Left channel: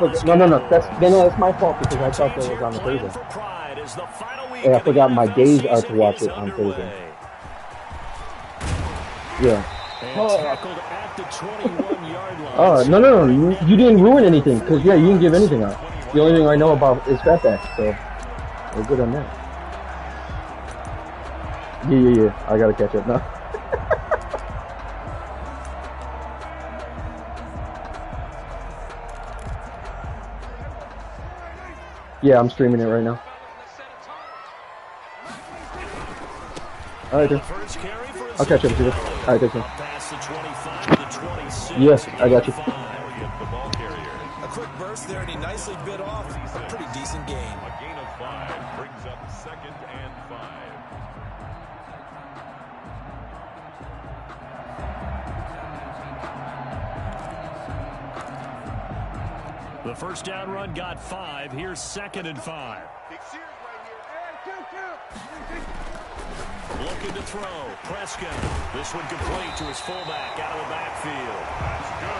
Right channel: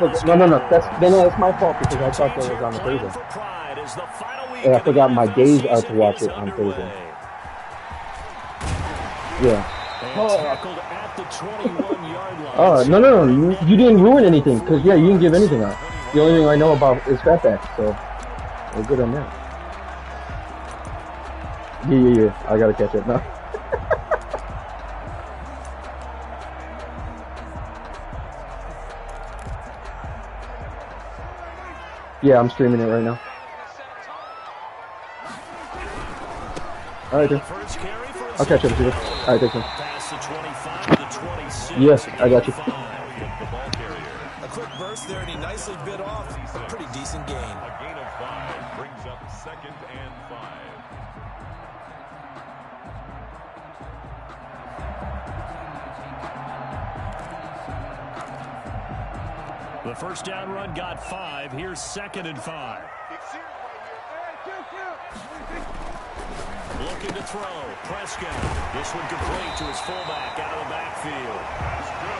No. That's my fault because I thought that was on the Thursday. And I forgot my days are to watch it on Thursday. Yeah. Oh, no. You didn't ruin anything because you didn't give anything out. The only thing I know about is Fatback, so we're good on that. Yeah. I gotta catch up now. Yeah, I'm streaming it right now. Alright, dude. I'll catch up to you. Alright, thanks, man. Yes, I got you. A quick burst there, and he nicely bit off a pretty decent gain. A gain of 5 brings up 2nd and 5. The first down run got 5. Here's 2nd and 5. Looking to throw. Prescott. This one complete to his fullback out of the backfield.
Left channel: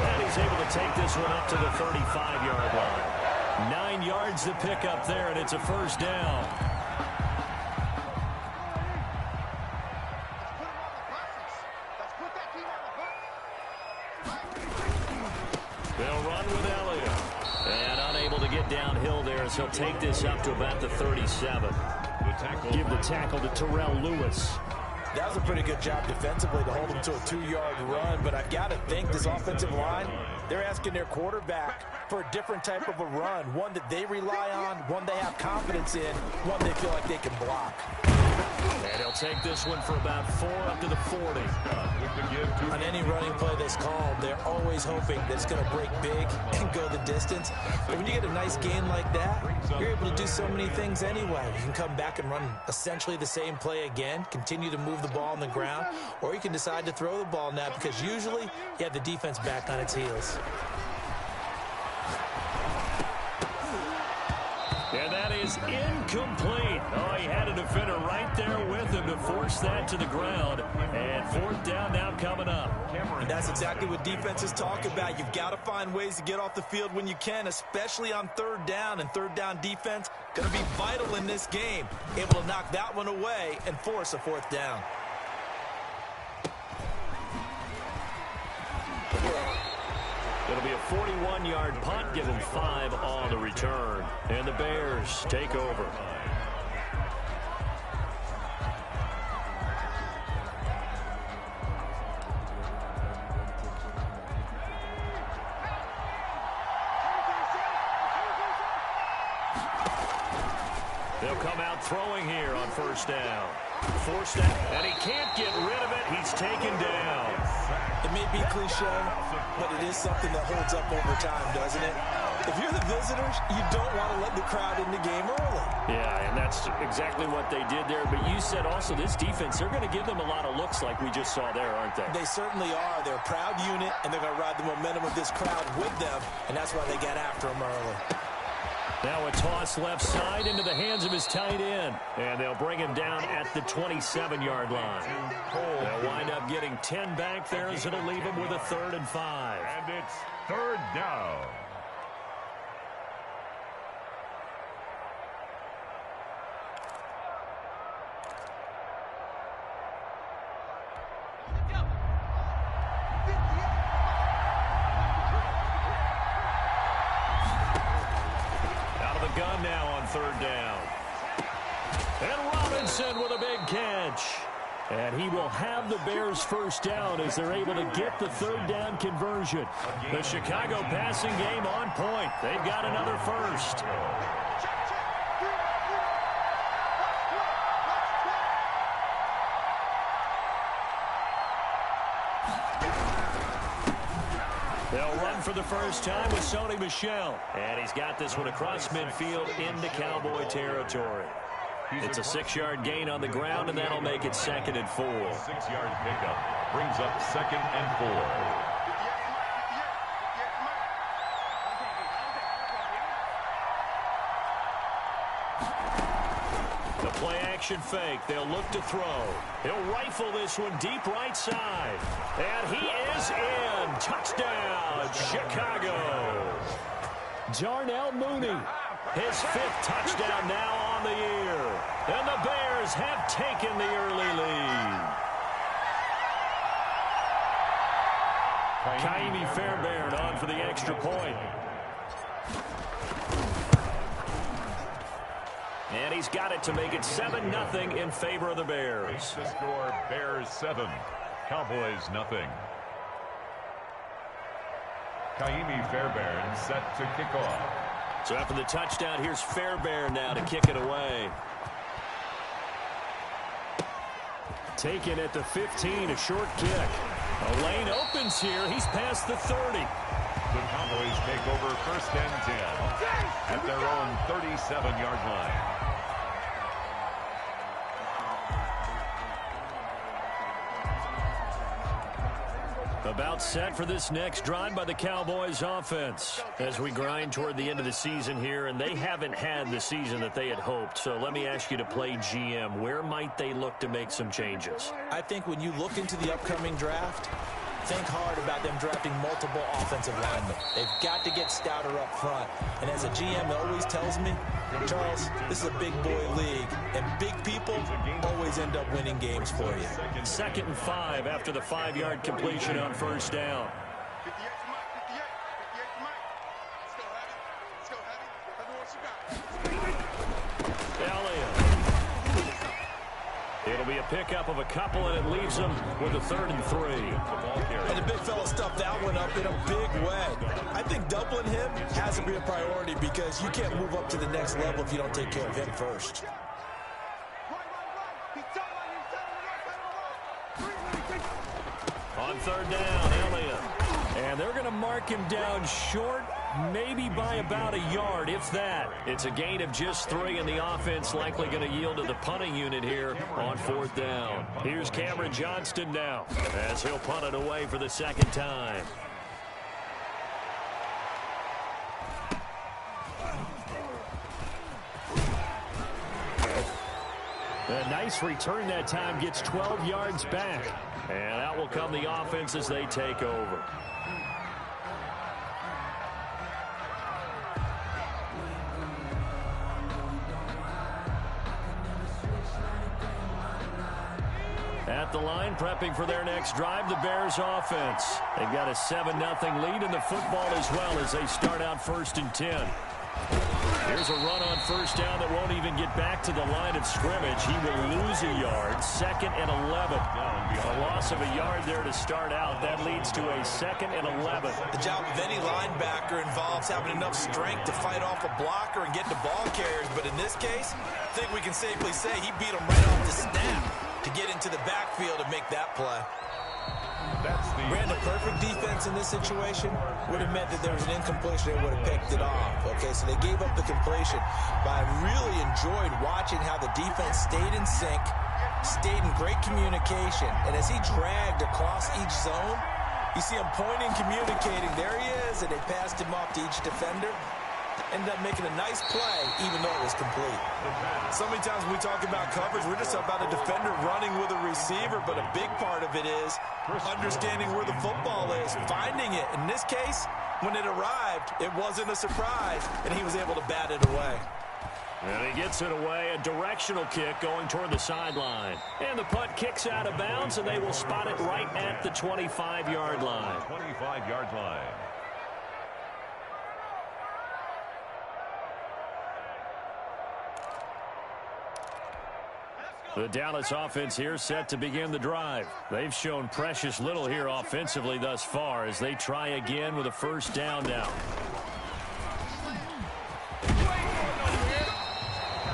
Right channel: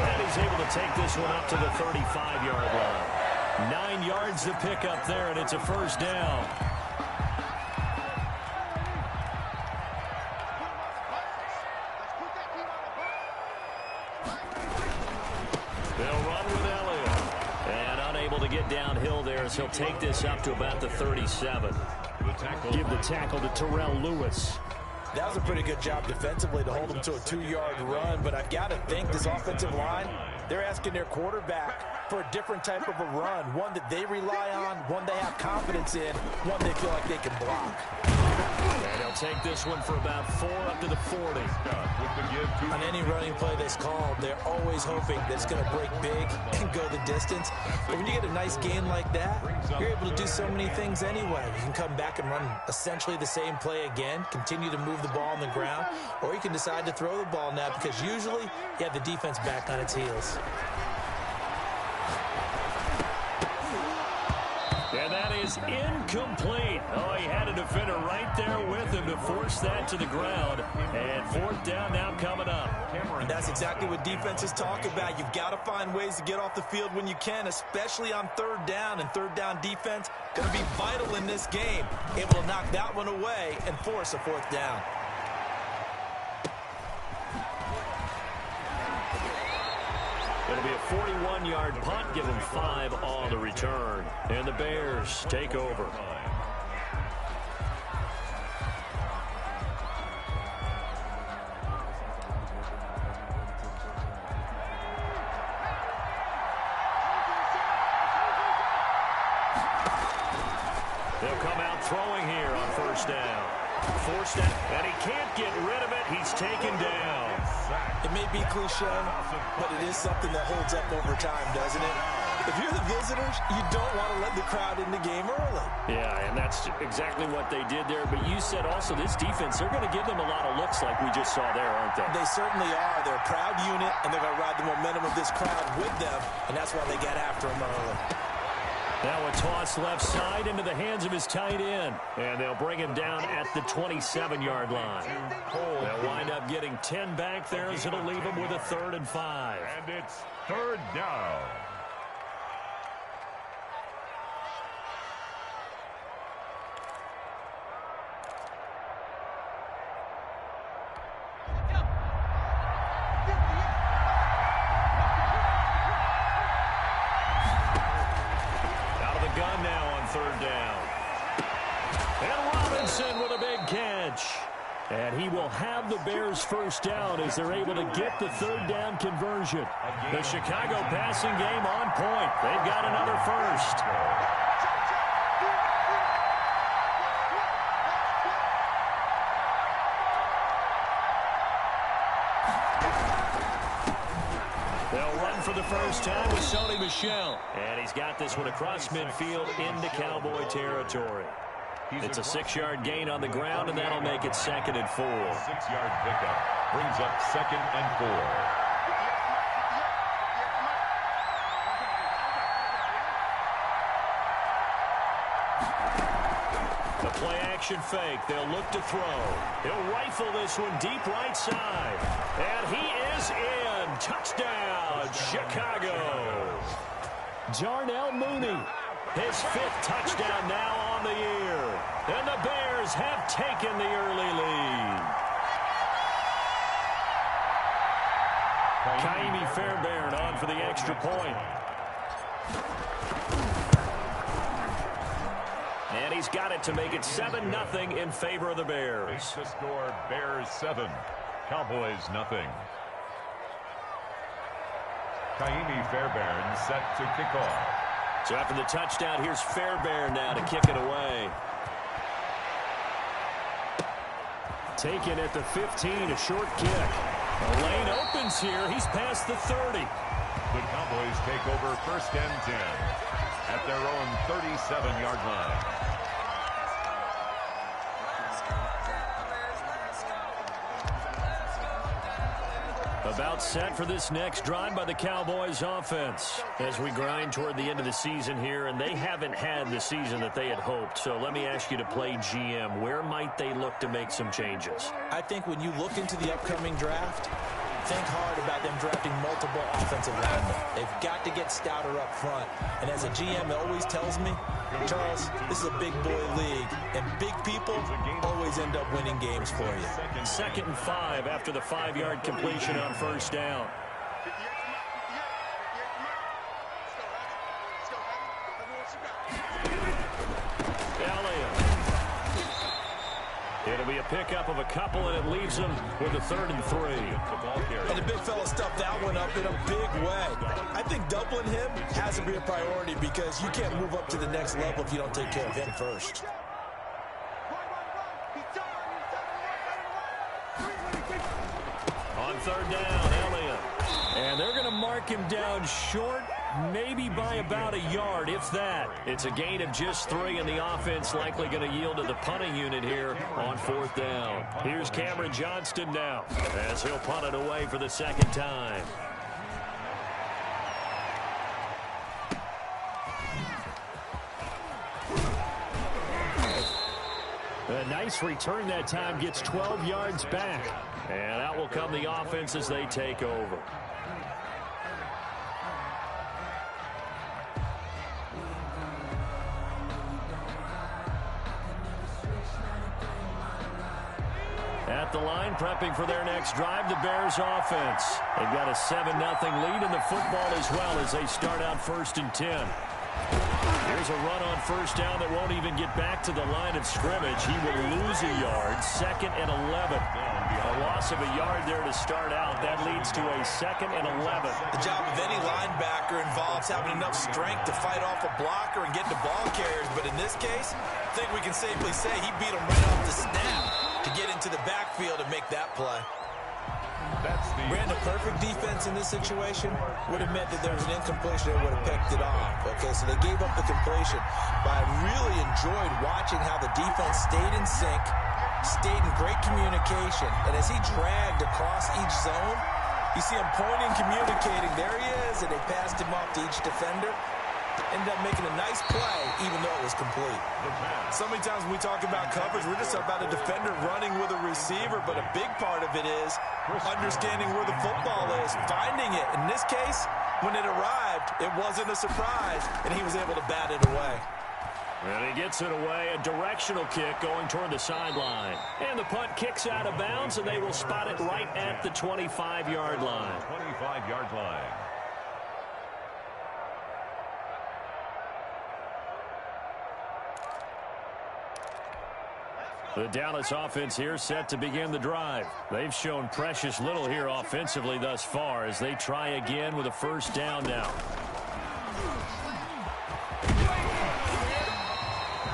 And he's able to take this one up to the 35-yard line. 9 yards to pick up there, and it's a first down. They'll run with Elliott. And unable to get downhill there as he'll take this up to about the 37. Give the tackle to Terrell Lewis. That was a pretty good job defensively to hold him to a 2-yard run, but I've got to think this offensive line, they're asking their quarterback for a different type of a run, one that they rely on, one they have confidence in, one they feel like they can block. And he'll take this one for about 4 up to the 40. On any running play that's called, they're always hoping that it's going to break big and go the distance. But when you get a nice gain like that, you're able to do so many things anyway. You can come back and run essentially the same play again, continue to move the ball on the ground, or you can decide to throw the ball now because usually you have the defense back on its heels. And that is incomplete. Oh, he had a defender right there with him to force that to the ground. And 4th down now coming up. And that's exactly what defenses talk about. You've got to find ways to get off the field when you can, especially on 3rd down. And 3rd down defense going to be vital in this game. Able to knock that one away and force a 4th down. It'll be a 41-yard punt, give him 5 on the return. And the Bears take over. They'll come out throwing here on 1st down. Forced that, and he can't get rid of it. He's taken down. It may be cliche, but it is something that holds up over time, doesn't it? If you're the visitors, you don't want to let the crowd in the game early. Yeah, and that's exactly what they did there. But you said also this defense, they're going to give them a lot of looks like we just saw there, aren't they? They certainly are. They're a proud unit, and they're going to ride the momentum of this crowd with them, and that's why they got after them early. Now a toss left side into the hands of his tight end. And they'll bring him down at the 27-yard line. They'll wind up getting 10 back there as it'll leave him with a 3rd and 5. And it's 3rd down. Gun now on 3rd down. And Robinson with a big catch. And he will have the Bears' first down as they're able to get the 3rd down conversion. The Chicago passing game on point. They've got another first. They'll run for the first time with Sony Michel. And he's got this one across midfield into Cowboy territory. It's a 6-yard gain on the ground, and that'll make it 2nd and 4. 6-yard pickup brings up 2nd and 4. The play-action fake. They'll look to throw. He'll rifle this one deep right side. And he is in. Touchdown, Chicago. Darnell Mooney, his 5th touchdown now on the year. And the Bears have taken the early lead. Kaimi Fairbairn on for the extra point. And he's got it to make it 7-0 in favor of the Bears. The score, Bears 7, Cowboys 0. Kaimi Fairbairn set to kick off. So after the touchdown, here's Fairbairn now to kick it away. Taken at the 15, a short kick. A lane opens here. He's past the 30. The Cowboys take over 1st and 10 at their own 37-yard line. About set for this next drive by the Cowboys offense as we grind toward the end of the season here, and they haven't had the season that they had hoped. So let me ask you to play GM. Where might they look to make some changes? I think when you look into the upcoming draft, think hard about them drafting multiple offensive linemen. They've got to get stouter up front. And as a GM always tells me, Charles, this is a big boy league, and big people always end up winning games for you. 2nd and 5 after the 5-yard completion on 1st down. Elliott. It'll be a pickup of a couple, and it leaves them with a 3rd and 3. And the big fella stuffed that one up in a big way. I think doubling him has to be a priority because you can't move up to the next level if you don't take care of him first. On 3rd down, Elliott. And they're going to mark him down short, maybe by about a yard, if that. It's a gain of just 3, and the offense likely going to yield to the punting unit here on 4th down. Here's Cameron Johnston now as he'll punt it away for the 2nd time. A nice return that time, gets 12 yards back. And out will come the offense as they take over. At the line, prepping for their next drive, the Bears offense. They've got a 7-0 lead in the football as well as they start out 1st and 10. Here's a run on 1st down that won't even get back to the line of scrimmage. He will lose a yard. 2nd and 11. A loss of a yard there to start out. That leads to a 2nd and 11. The job of any linebacker involves having enough strength to fight off a blocker and get to ball carriers. But in this case, I think we can safely say he beat him right off the snap to get into the backfield and make that play. Ran the perfect defense in this situation. Would have meant that there was an incompletion. They would have picked it off. Okay, so they gave up the completion. But I really enjoyed watching how the defense stayed in sync, stayed in great communication. And as he dragged across each zone, you see him pointing, communicating. There he is, and they passed him off to each defender. Ended up making a nice play, even though it was complete. So many times when we talk about coverage, we're just about a defender running with a receiver, but a big part of it is understanding where the football is, finding it. In this case, when it arrived, it wasn't a surprise, and he was able to bat it away. And he gets it away, a directional kick going toward the sideline. And the punt kicks out of bounds, and they will spot it right at the 25-yard line. 25-yard line. The Dallas offense here set to begin the drive. They've shown precious little here offensively thus far as they try again with a 1st down now.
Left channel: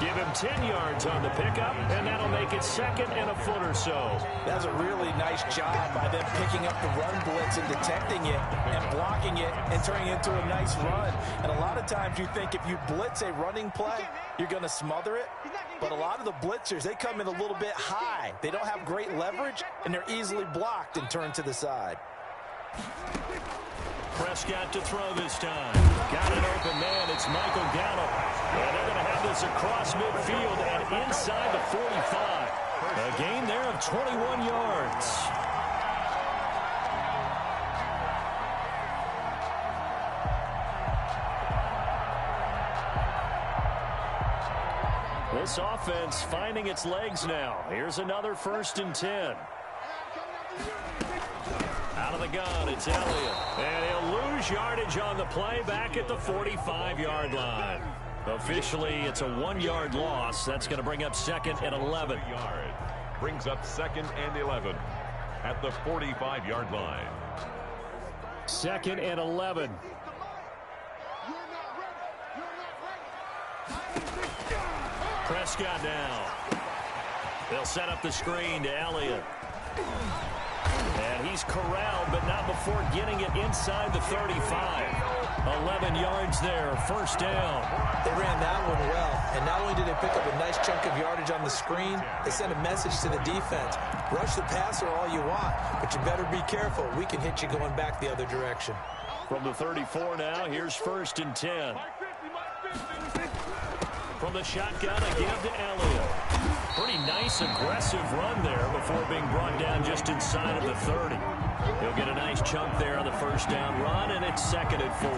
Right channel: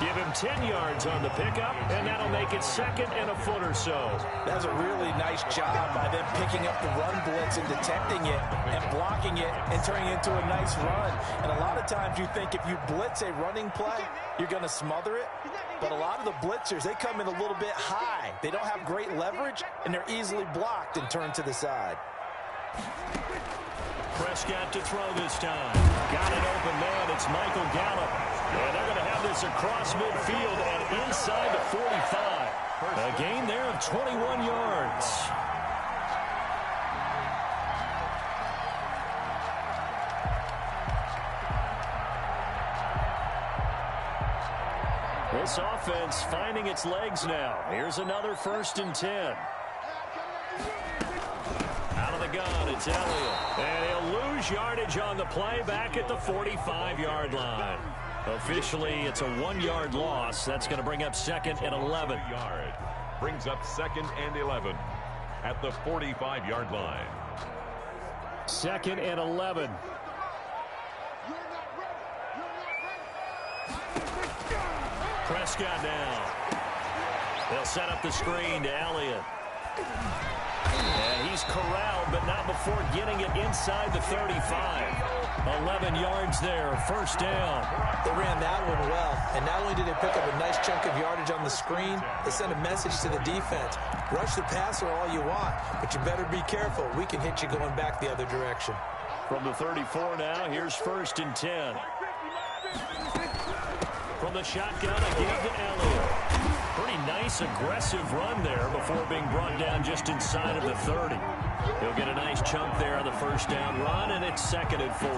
Give him 10 yards on the pickup, and that'll make it 2nd and a foot or so. That's a really nice job by them picking up the run blitz and detecting it and blocking it and turning it into a nice run. And a lot of times you think if you blitz a running play, you're going to smother it. But a lot of the blitzers, they come in a little bit high. They don't have great leverage, and they're easily blocked and turned to the side. Prescott to throw this time. Got an open man. It's Michael Gallup. And they're going to have this across midfield and inside the 45. A gain there of 21 yards. This offense finding its legs now. Here's another 1st and 10. Out of the gun, it's Elliott. And he'll lose yardage on the play back at the 45-yard line. Officially, it's a 1-yard loss. That's going to bring up 2nd and 11. Brings up 2nd and 11 at the 45-yard line. 2nd and 11. Prescott down. They'll set up the screen to Elliott. And he's corralled, but not before getting it inside the 35. 11 yards there, 1st down. They ran that one well, and not only did they pick up a nice chunk of yardage on the screen, they sent a message to the defense. Rush the passer all you want, but you better be careful. We can hit you going back the other direction. From the 34 now, here's 1st and 10. From the shotgun, again to Elliott. Pretty nice, aggressive run there before being brought down just inside of the 30. He'll get a nice chunk there on the 1st down run, and it's 2nd and 4.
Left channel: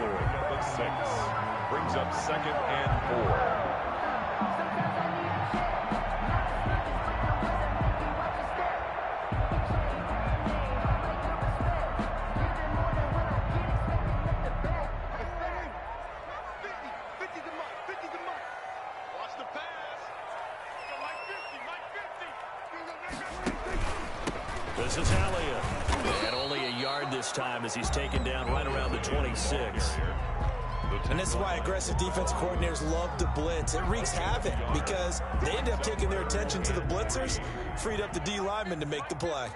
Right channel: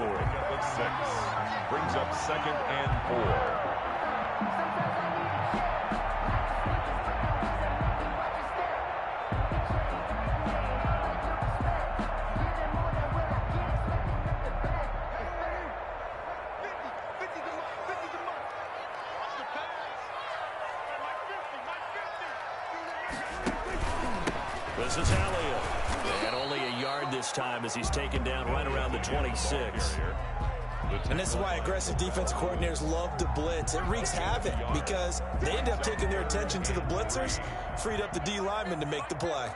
Brings up 2nd and 4. This is Elliott. And only a yard this time as he's taken down right around the 26. And this is why aggressive defense coordinators love to blitz. It wreaks havoc because they end up taking their attention to the blitzers, freed up the D lineman to make the play.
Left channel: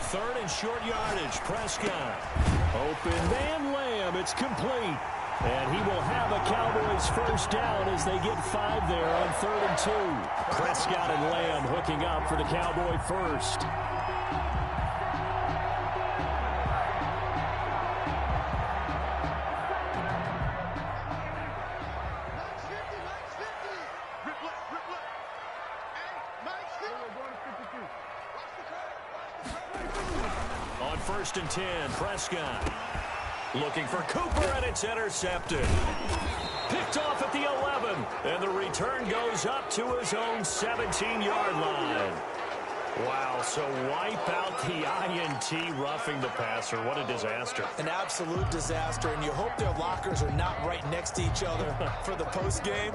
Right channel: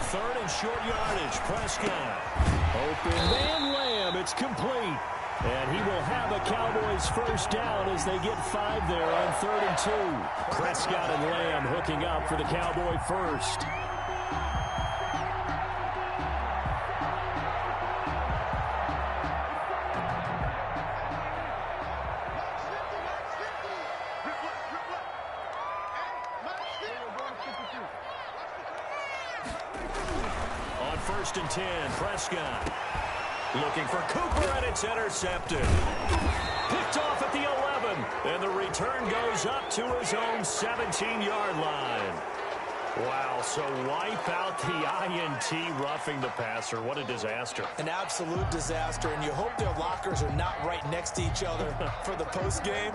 Third and short yardage. Prescott. Open man Lamb. It's complete. And he will have a Cowboys 1st down as they get 5 there on 3rd and 2. Prescott and Lamb hooking up for the Cowboy 1st. On 1st and 10, Prescott. Looking for Cooper, and it's intercepted. Picked off at the 11, and the return goes up to his own 17-yard line. Wow, so wipe out the INT roughing the passer. What a disaster. An absolute disaster, and you hope their lockers are not right next to each other for the postgame.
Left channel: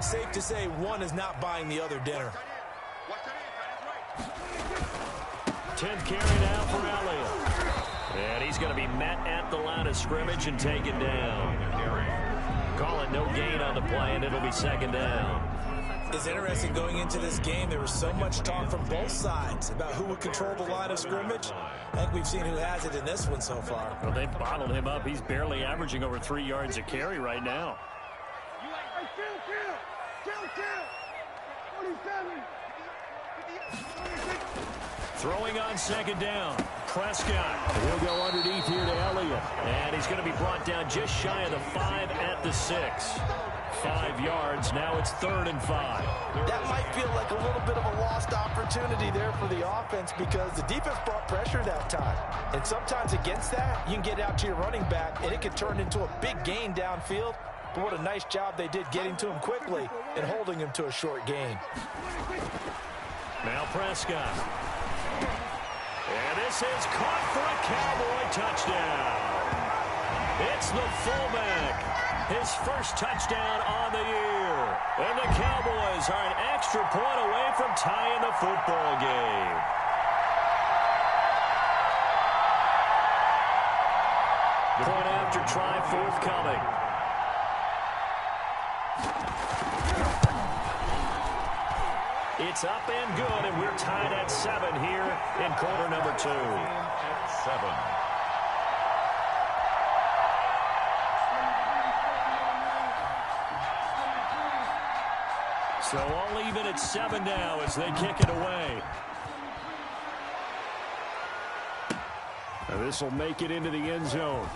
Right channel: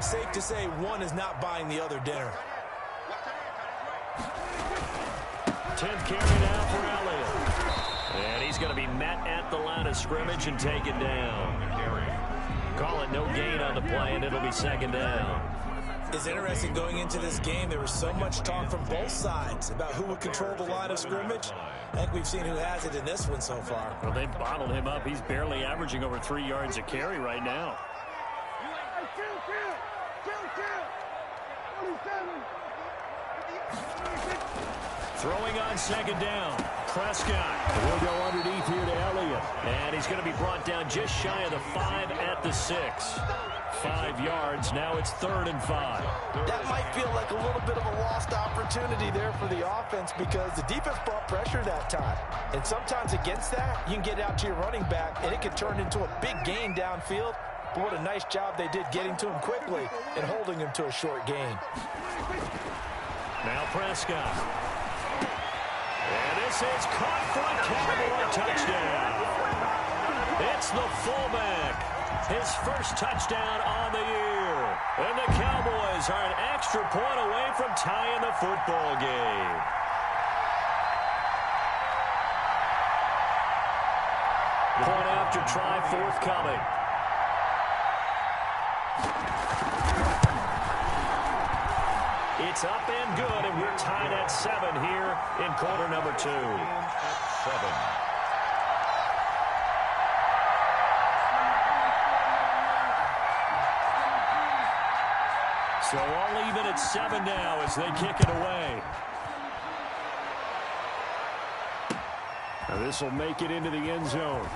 Safe to say one is not buying the other dinner. 10th carry now for Elliott. And he's going to be met at the line of scrimmage and taken down. Calling no gain on the play, and it'll be 2nd down. It's interesting going into this game. There was so much talk from both sides about who would control the line of scrimmage. I think we've seen who has it in this one so far. Well, they've bottled him up. He's barely averaging over 3 yards a carry right now. Throwing on 2nd down. Prescott. He'll go underneath here to Elliott. And he's going to be brought down just shy of the 5 at the 6. 5 yards. Now it's 3rd and 5. That might feel like a little bit of a lost opportunity there for the offense because the defense brought pressure that time. And sometimes against that, you can get out to your running back, and it can turn into a big gain downfield. But what a nice job they did getting to him quickly and holding him to a short gain. Now Prescott. And this is caught for a Cowboy touchdown. It's the fullback. His first touchdown on the year. And the Cowboys are an extra point away from tying the football game. Point after try forthcoming. It's up and good, and we're tied at 7 here in quarter number 2. At 7. So all even at 7 now as they kick it away. Now this will make it into the end zone.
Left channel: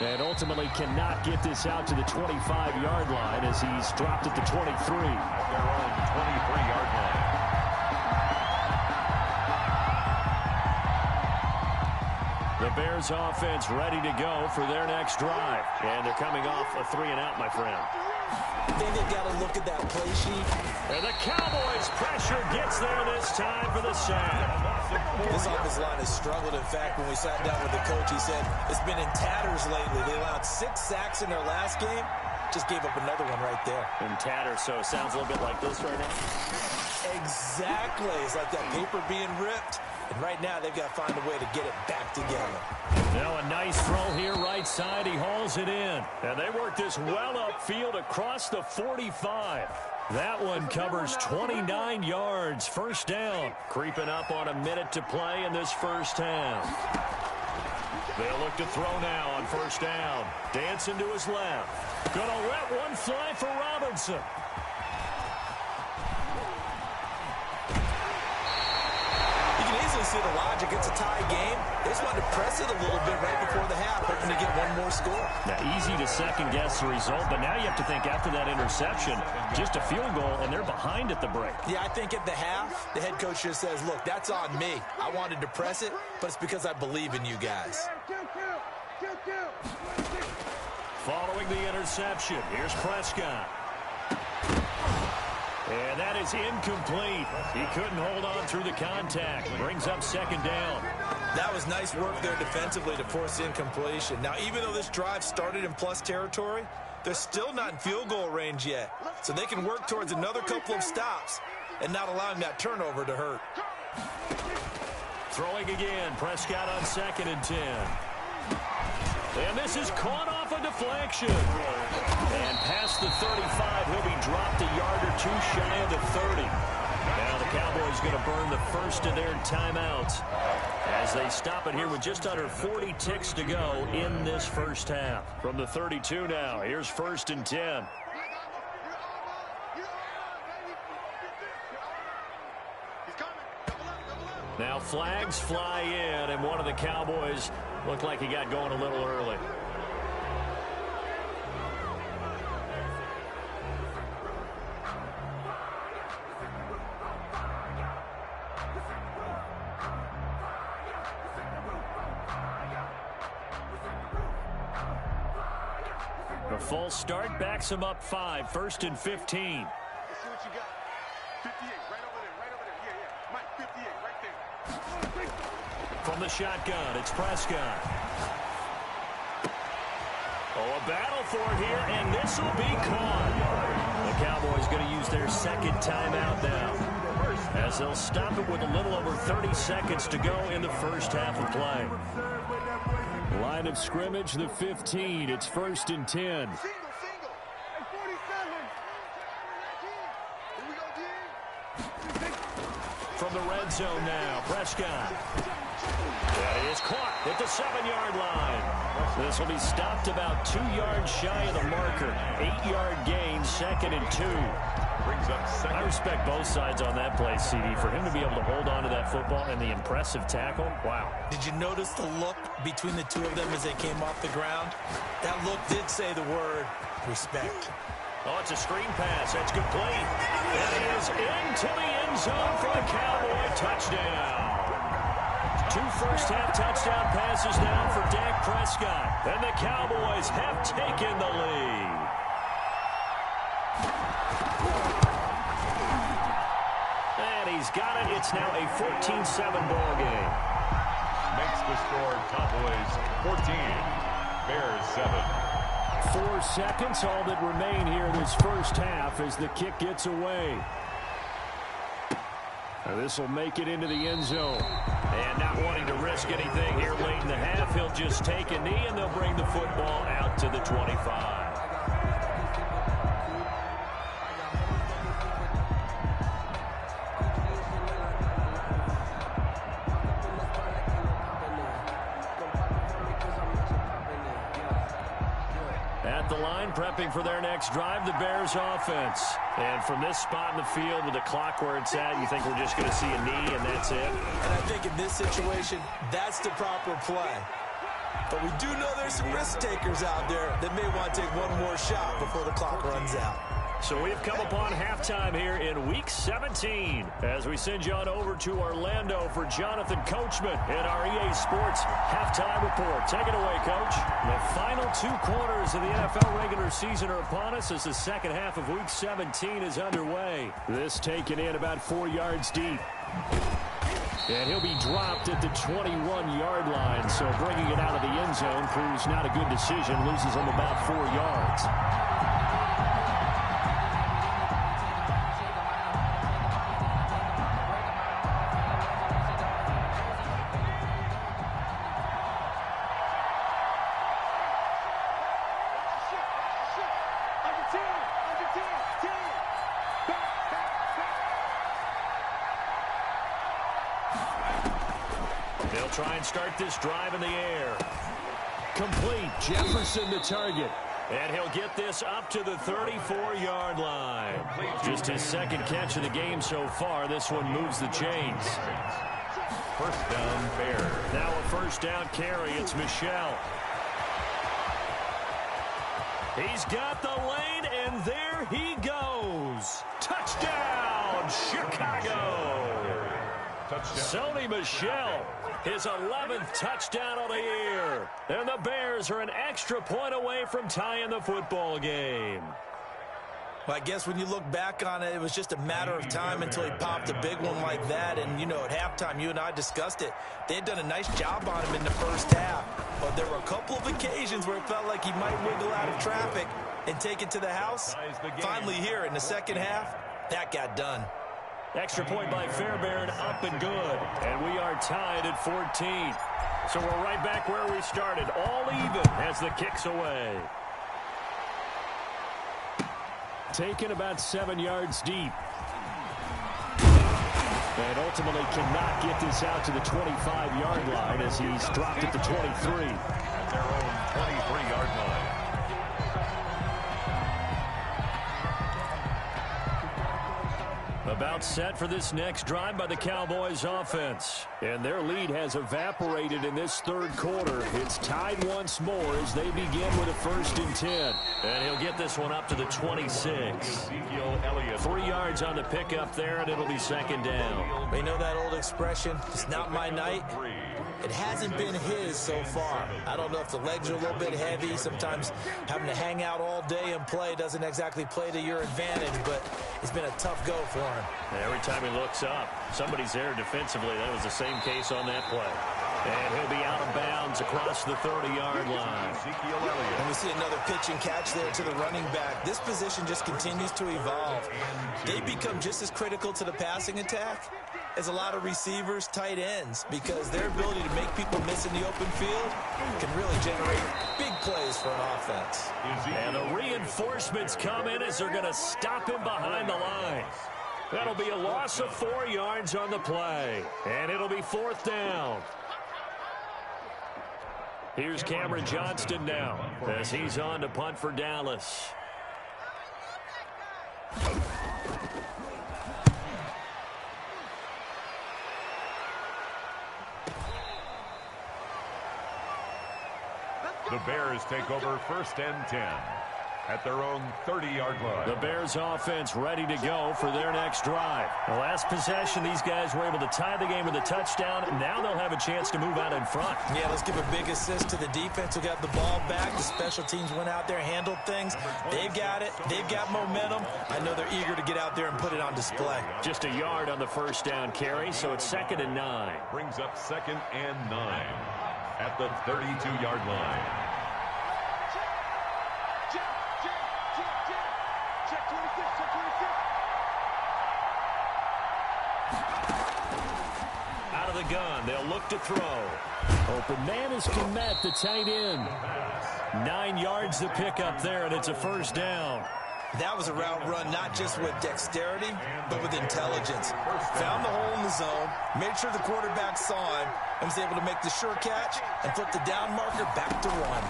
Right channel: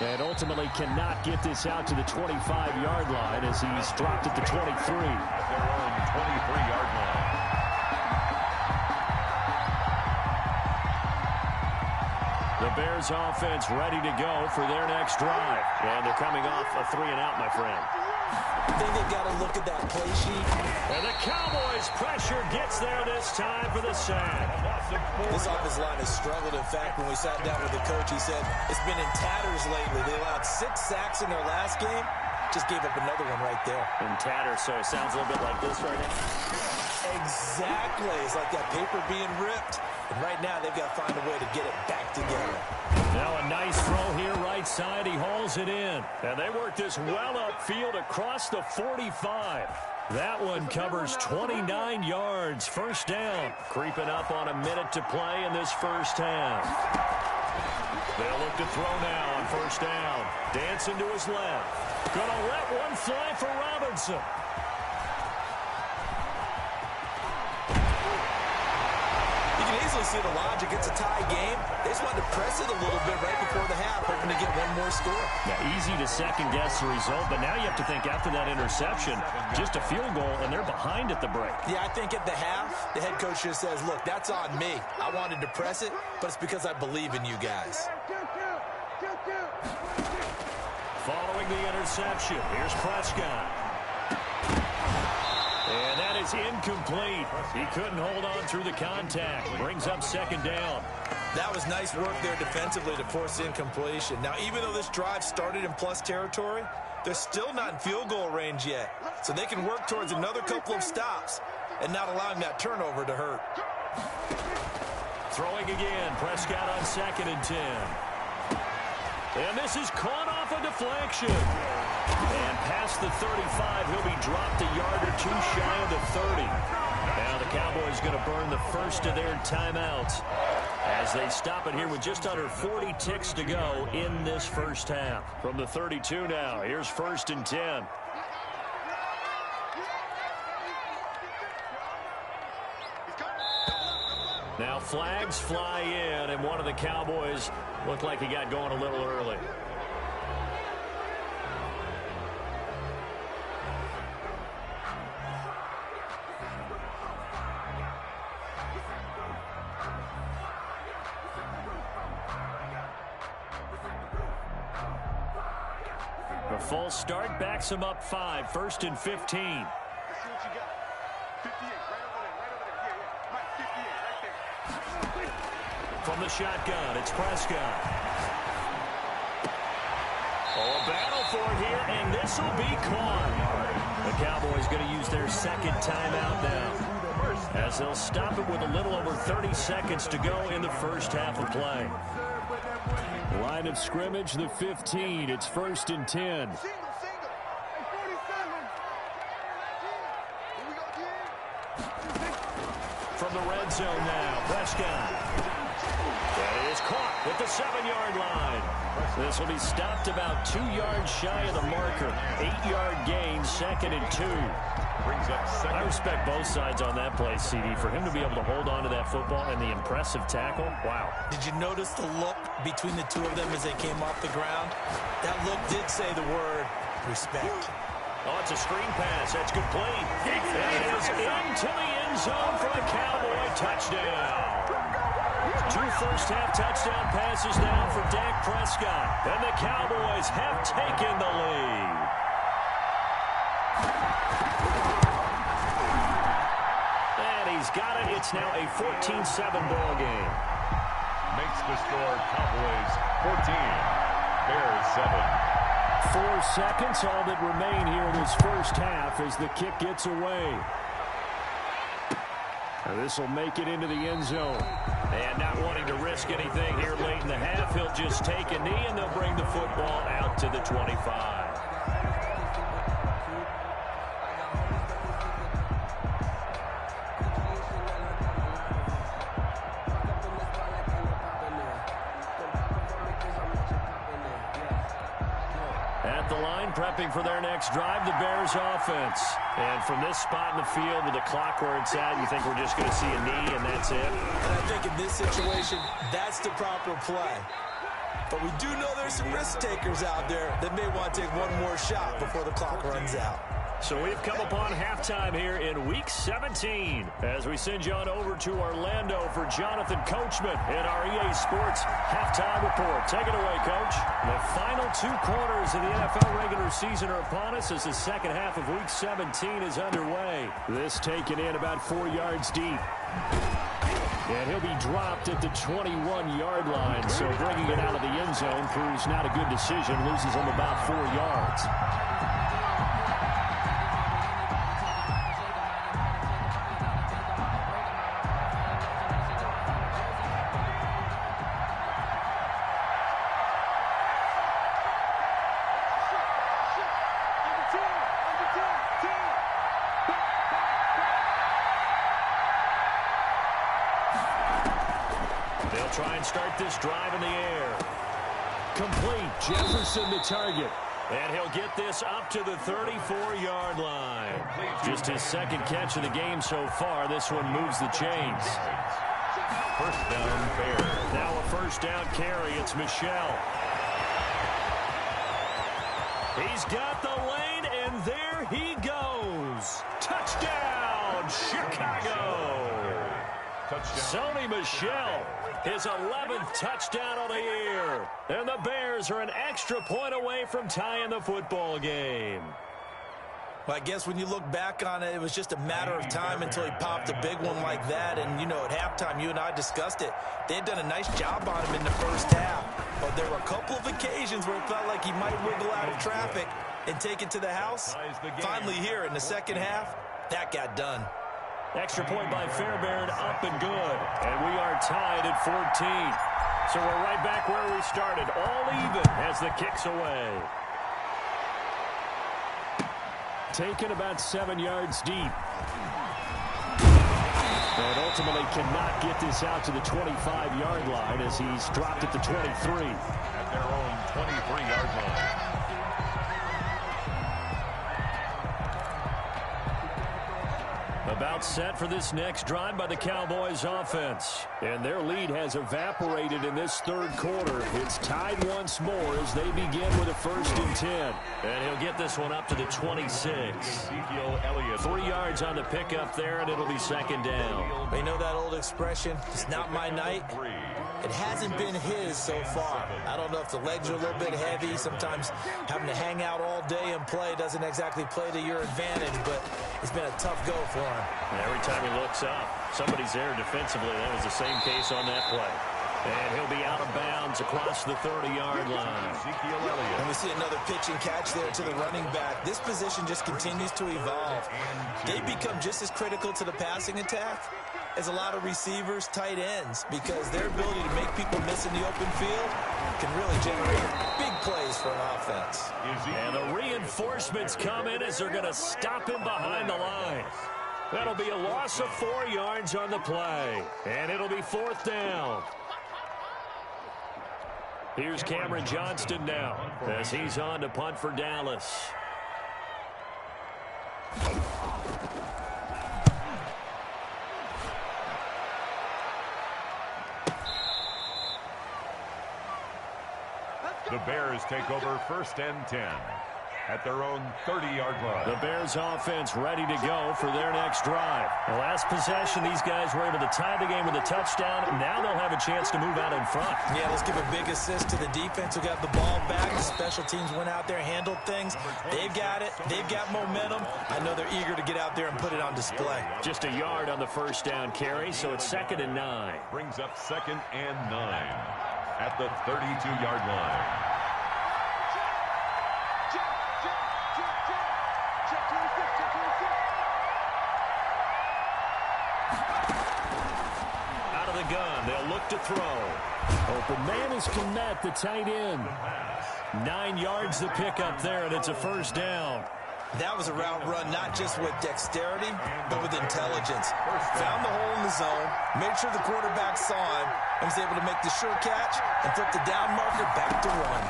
And ultimately cannot get this out to the 25-yard line as he's dropped at the 23. At their own 23-yard line. The Bears offense ready to go for their next drive. And they're coming off a 3-and-out, my friend. I think they've got to look at that play sheet. And the Cowboys' pressure gets there this time for the sack. This offensive line has struggled. In fact, when we sat down with the coach, he said it's been in tatters lately. They allowed 6 sacks in their last game. Just gave up another one right there. In tatters, so it sounds a little bit like this right now. Exactly. It's like that paper being ripped. And right now, they've got to find a way to get it back together. Now a nice throw here right side. He hauls it in. And they work this well upfield across the 45. That one covers 29 yards. First down. Creeping up on a minute to play in this first half. They'll look to throw now on first down. Dancing to his left. Gonna let one fly for Robinson. You can easily see the logic. It's a tie game. They just wanted to press it a little bit right before the half, hoping to get one more score. Now, easy to second-guess the result, but now you have to think after that interception, just a field goal, and they're behind at the break. Yeah, I think at the half, the head coach just says, look, that's on me. I wanted to press it, but it's because I believe in you guys. Following the interception, here's Prescott. And that is incomplete. He couldn't hold on through the contact. Brings up second down. That was nice work there defensively to force incompletion. Now, even though this drive started in plus territory, they're still not in field goal range yet. So they can work towards another couple of stops and not allowing that turnover to hurt. Throwing again. Prescott on 2nd and 10. And this is caught off a deflection. And past the 35, he'll be dropped a yard or two shy of the 30. Now the Cowboys going to burn the first of their timeouts as they stop it here with just under 40 ticks to go in this first half. From the 32 now, here's 1st and 10. Now flags fly in, and one of the Cowboys looked like he got going a little early. The full start backs him up 5, 1st and 15. Let's see what you got. 58, right over there. Yeah. Mike, 58, right there. From the shotgun, it's Prescott. Oh, a battle for it here, and this will be caught. The Cowboys going to use their second timeout now, as they'll stop it with a little over 30 seconds to go in the first half of play. Line of scrimmage, the 15. It's 1st and 10. Single. Hey, 47. Here we go, D. From the red zone now, Prescott. And it is caught at the 7-yard line. This will be stopped about 2 yards shy of the marker. 8-yard gain, 2nd and 2. Brings up second. I respect both sides on that play, CD. For him to be able to hold on to that football and the impressive tackle, wow. Did you notice the look between the two of them as they came off the ground? That look did say the word respect. Oh, it's a screen pass. That's complete. And it is into the end zone for a Cowboy touchdown. 2 first-half touchdown passes now for Dak Prescott. And the Cowboys have taken the lead. And he's got it. It's now a 14-7 ball game. Makes the score Cowboys 14, Bears 7. 4 seconds, all that remain here this first half as the kick gets away. This will make it into the end zone. And not wanting to risk anything here late in the half, he'll just take a knee and they'll bring the football out to the 25. At the line, prepping for their next drive, the Bears offense. And from this spot in the field with the clock where it's at, you think we're just going to see a knee and that's it? And I think in this situation, that's the proper play. But we do know there's some risk takers out there that may want to take one more shot before the clock runs out. So we've come upon halftime here in Week 17 as we send you on over to Orlando for Jonathan Coachman in our EA Sports Halftime Report. Take it away, Coach. The final 2 quarters of the NFL regular season are upon us as the second half of Week 17 is underway. This taken in about 4 yards deep. And he'll be dropped at the 21-yard line, so bringing it out of the end zone proves not a good decision, loses him about 4 yards. They'll try and start this drive in the air. Complete. Jefferson the target. And he'll get this up to the 34-yard line. Just his second catch of the game so far. This one moves the chains. First down, Bears. Now a first down carry. It's Michel. He's got the lane, and there he goes. Touchdown, Chicago. Sony Michel, his 11th touchdown of the year. And the Bears are an extra point away from tying the football game. Well, I guess when you look back on it, it was just a matter of time until he popped a big one like that. And, you know, at halftime, you and I discussed it. They had done a nice job on him in the first half. But there were a couple of occasions where it felt like he might wiggle out of traffic and take it to the house. Finally here in the second half, that got done. Extra point by Fairbairn, up and good. And we are tied at 14. So we're right back where we started, all even as the kick's away. Taken about 7 yards deep. And ultimately cannot get this out to the 25-yard line as he's dropped at the 23. At their own 23-yard line. About set for this next drive by the Cowboys offense. And their lead has evaporated in this third quarter. It's tied once more as they begin with a 1st and 10. And he'll get this one up to the 26. 3 yards on the pickup there, and it'll be 2nd down. You know that old expression, it's not my night? It hasn't been his so far. I don't know if the legs are a little bit heavy. Sometimes having to hang out all day and play doesn't exactly play to your advantage, but it's been a tough go for him. Every time he looks up, somebody's there defensively. That was the same case on that play. And he'll be out of bounds across the 30-yard line. And we see another pitch and catch there to the running back. This position just continues to evolve. They become just as critical to the passing attack as a lot of receivers, tight ends, because their ability to make people miss in the open field can really generate big plays for an offense. And the reinforcements come in as they're going to stop him behind the line. That'll be a loss of 4 yards on the play. And it'll be 4th down. Here's Cameron Johnston now as he's on to punt for Dallas. The Bears take over 1st and 10 at their own 30-yard line. The Bears offense ready to go for their next drive. The last possession, these guys were able to tie the game with a touchdown. Now they'll have a chance to move out in front. Yeah, let's give a big assist to the defense who got the ball back. The special teams went out there, handled things. They've got it. They've got momentum. I know they're eager to get out there and put it on display. Just a yard on the 1st down carry, so it's 2nd and 9. Brings up 2nd and 9 at the 32-yard line. Check 26, check 26. Out of the gun, they'll look to throw. Open man is Kmet, the tight end. 9 yards to pick up there, and it's a 1st down. That was a route run not just with dexterity, but with intelligence. Found the hole in the zone, made sure the quarterback saw him, and was able to make the sure catch and flip the down marker back to 1.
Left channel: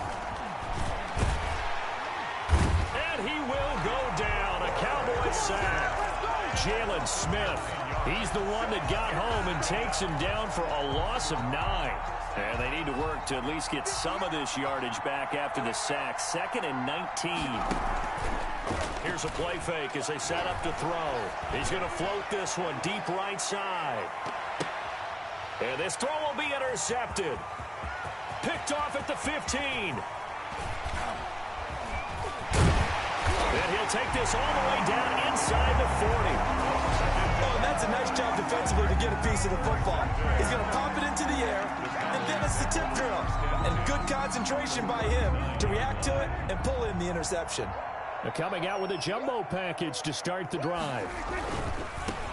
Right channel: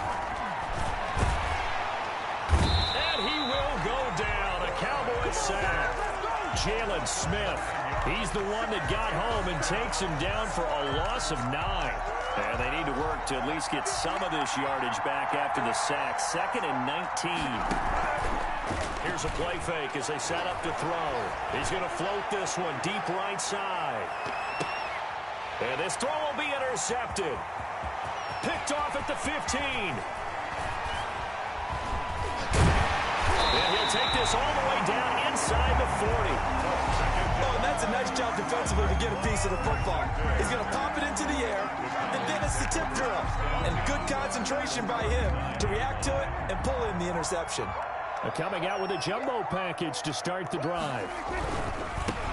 And he will go down. A Cowboys sack. Jalen Smith. He's the one that got home and takes him down for a loss of 9. And they need to work to at least get some of this yardage back after the sack. 2nd and 19. Here's a play fake as they set up to throw. He's going to float this one deep right side. And this throw will be intercepted. Picked off at the 15. And he'll take this all the way down inside the 40. Oh, and that's a nice job defensively to get a piece of the football. He's going to pop it into the air, and then it's the tip drill. And good concentration by him to react to it and pull in the interception. They're coming out with a jumbo package to start the drive.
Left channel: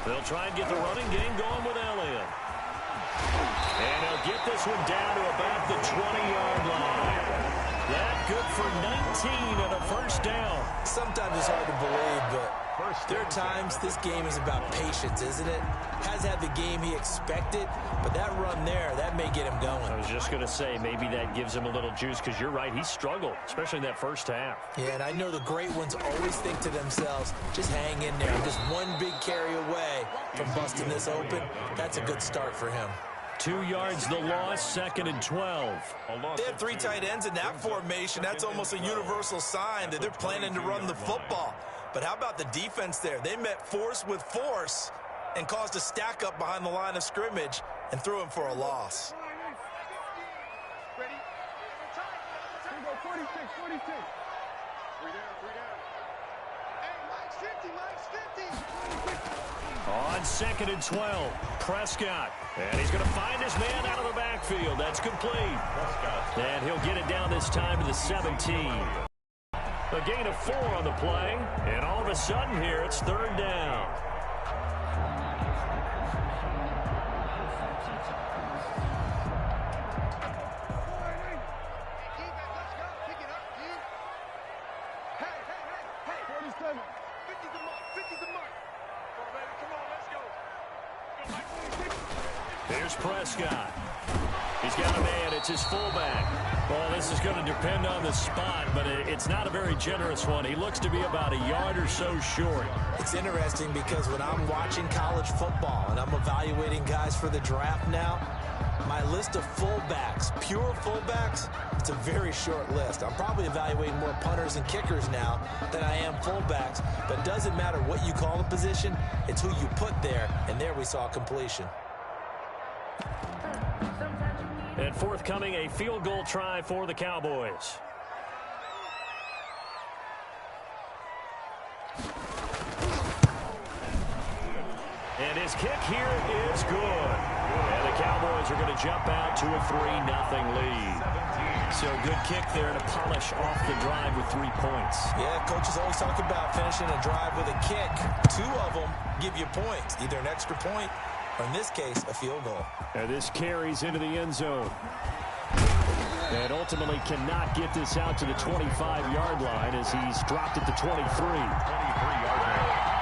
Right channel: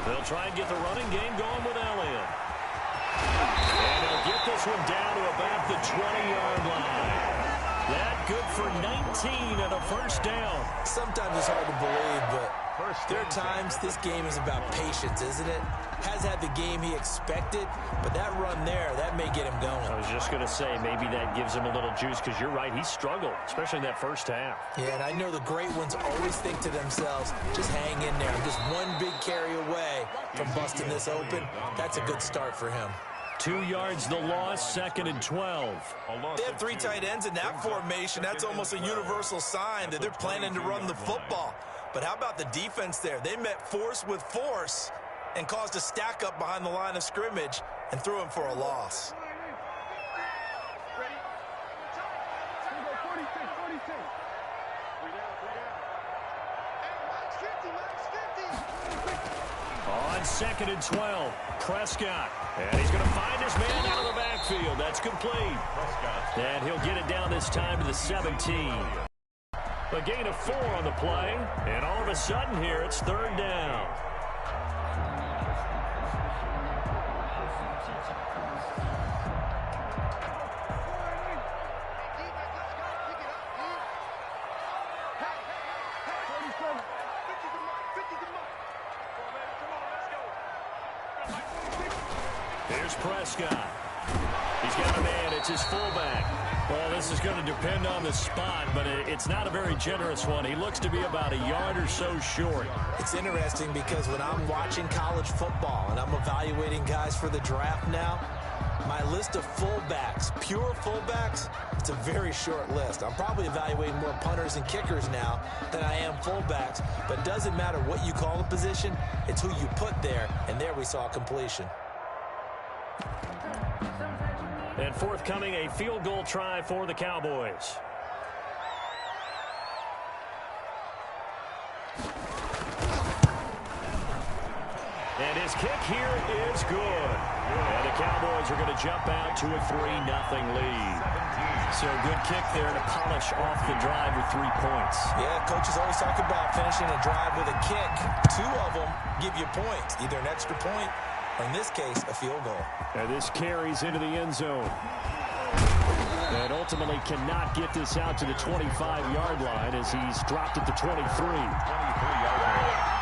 They'll try and get the running game going with Elliott. And he'll get this one down to about the 20-yard line. That good for 19 and a first down. Sometimes it's hard to believe, but there are times this game is about patience, isn't it? Has had the game he expected, but that run there, that may get him going. I was just going to say, maybe that gives him a little juice, because you're right, he struggled, especially in that first half. Yeah, and I know the great ones always think to themselves, just hang in there. I'm just one big carry away from busting this open. That's a good start for him. 2 yards the loss, 2nd and 12. They have 3 tight ends in that formation. That's almost a universal sign that they're planning to run the football. But how about the defense there? They met force with force and caused a stack up behind the line of scrimmage and threw him for a loss. Ready? 46, 46. 3 down, 3 down. Hey, Mike's 50, Mike's 50. On 2nd and 12, Prescott. And he's going to find his man out of the backfield. That's complete. Prescott. And he'll get it down this time to the 17. A gain of 4 on the play. And all of a sudden here, it's 3rd down. Here's Prescott. He's got a man. It's his fullback. Well, this is going to depend on the spot, but it's not a very generous one. He looks to be about a yard or so short. It's interesting because when I'm watching college football and I'm evaluating guys for the draft now, my list of fullbacks, pure fullbacks, it's a very short list. I'm probably evaluating more punters and kickers now than I am fullbacks, but it doesn't matter what you call the position, it's who you put there, and there we saw completion. And forthcoming, a field goal try for the Cowboys. And his kick here is good. And the Cowboys are going to jump out to a 3-0 lead. So a good kick there to polish off the drive with 3 points. Yeah, coaches always talk about finishing a drive with a kick. 2 of them give you points, either an extra point or, in this case, a field goal. And this carries into the end zone. And ultimately cannot get this out to the 25-yard line as he's dropped at the 23. 23-yard line.